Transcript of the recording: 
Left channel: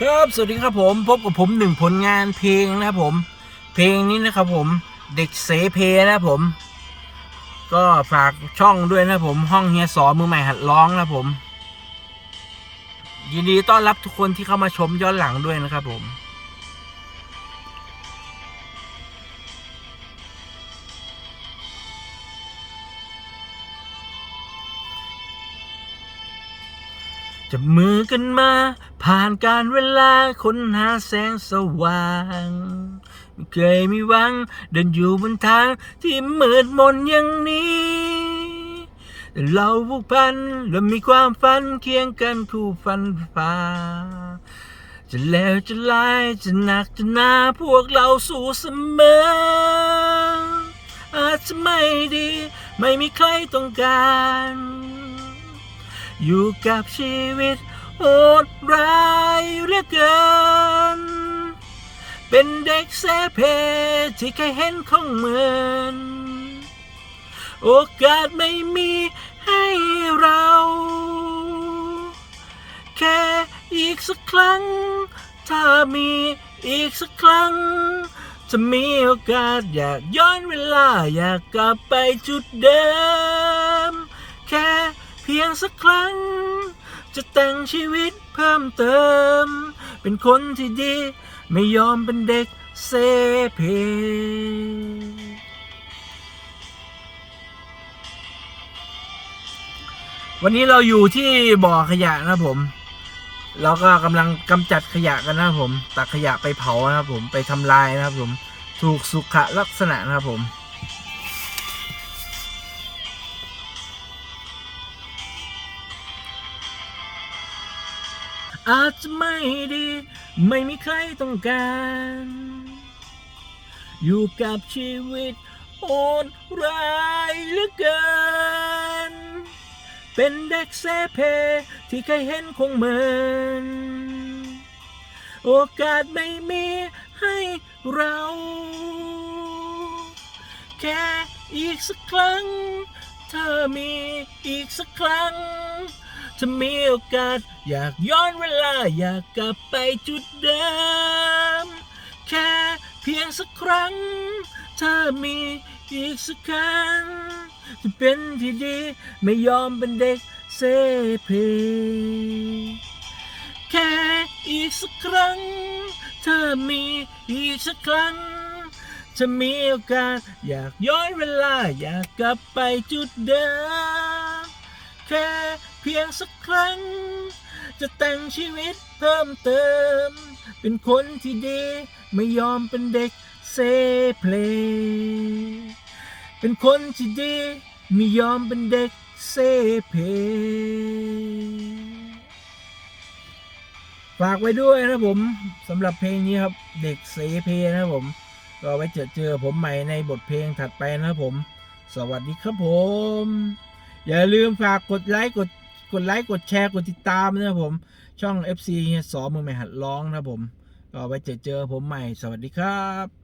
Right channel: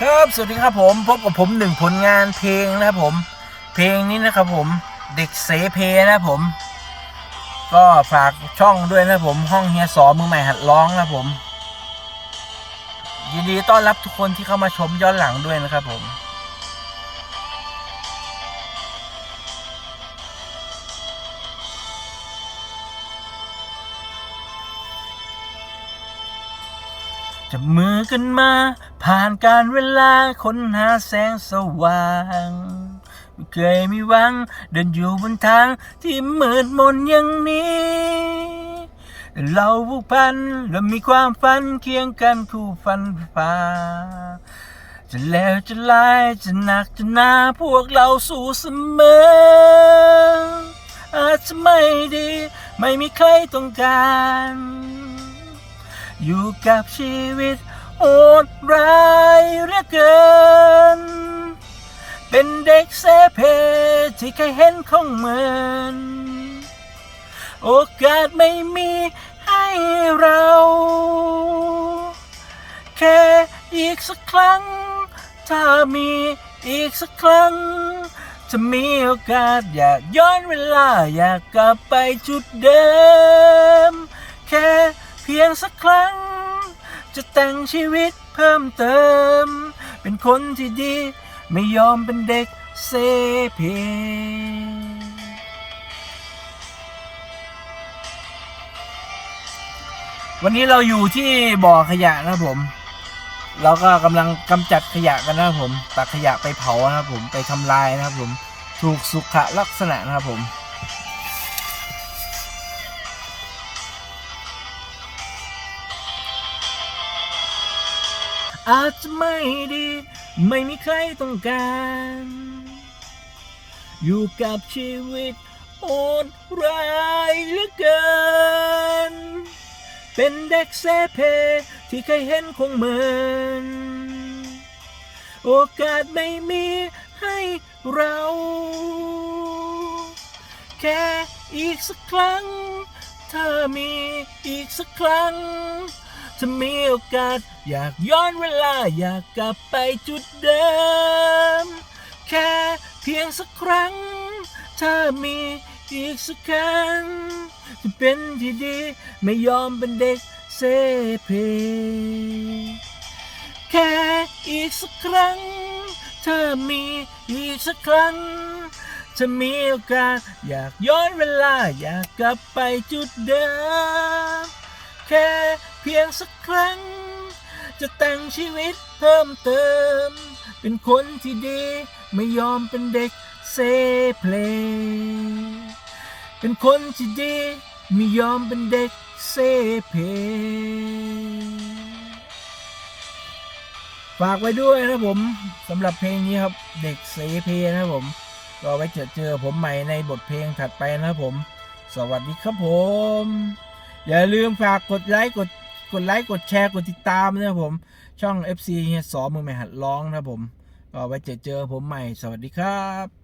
ครับสวัสดีครับผมพบกับผมหนึ่งผลงานเพลงนะครับผม เพลงนี้นะครับผมเด็กเสเพนะครับผม ก็ฝากช่องด้วยนะครับผมห้องเฮียสอมือใหม่หัดร้องนะครับผม ยินดีต้อนรับทุกคนที่เข้ามาชมย้อนหลังด้วยนะครับผม จับมือกันมา ผ่านการเวลาค้นหาแสงสว่างไม่เคยมีหวัง เดินอยู่บนทางที่มืดมนอย่างนี้แต่เราผูกพันและมีความฝันเคียงกันคู่ฟันฝ่าจะแล้วจะลายจะหนักจะหนาพวกเราสู้เสมอ อาจจะไม่ดี ไม่มีใครต้องการ อยู่กับชีวิตโหดร้ายเหลือเกิน เป็นเด็กเสเพที่เคยเห็นของเหมือนโอกาสไม่มีให้เรา แค่อีกสักครั้ง ถ้ามีอีกสักครั้ง จะมีโอกาสอยากย้อนเวลาอยากกลับไปจุดเดิม แค่ เพียงสักครั้ง จะแต่งชีวิตเพิ่มเติม เป็นคนที่ดี ไม่ยอมเป็นเด็กเซเพวันนี้เราอยู่ที่บ่อขยะนะครับผม เราก็กำลังกำจัดขยะกันนะครับผม ตักขยะไปเผานะครับผม ไปทำลายนะครับผม ถูกสุขลักษณะนะครับผม อาจจะไม่ดี ไม่มีใครต้องการ อยู่กับชีวิตโหดร้ายเหลือเกิน เป็นเด็กเซเพ ที่เคยเห็นคงเหมือนโอกาสไม่มีให้เรา แค่อีกสักครั้ง ถ้ามีอีกสักครั้ง จะมีโอกาส อยากย้อนเวลา อยากกลับไปจุดเดิม แค่เพียงสักครั้ง ถ้ามีอีกสักครั้งจะเป็นที่ดี ไม่ยอมเป็นเด็กเซเพแค่อีกสักครั้งถ้ามีอีกสักครั้งจะมีโอกาส อยากย้อนเวลา อยากกลับไปจุดเดิมแค่ เพียงสักครั้ง จะแต่งชีวิตเพิ่มเติม เป็นคนที่ดี ไม่ยอมเป็นเด็กเซเพลเป็นคนที่ดี ไม่ยอมเป็นเด็กเซเพฝากไว้ด้วยนะผมสำหรับเพลงนี้ครับเด็กเซเพนะครับผมก็ไว้เจอเจอผมใหม่ในบทเพลงถัดไปนะครับผม สวัสดีครับผม อย่าลืมฝากกดไลค์กด กดไลค์กดแชร์กดติดตามนะครับผม ช่อง FC เฮียสอมือใหม่หัดร้องนะครับผม ก็ไว้เจอเจอผมใหม่สวัสดีครับ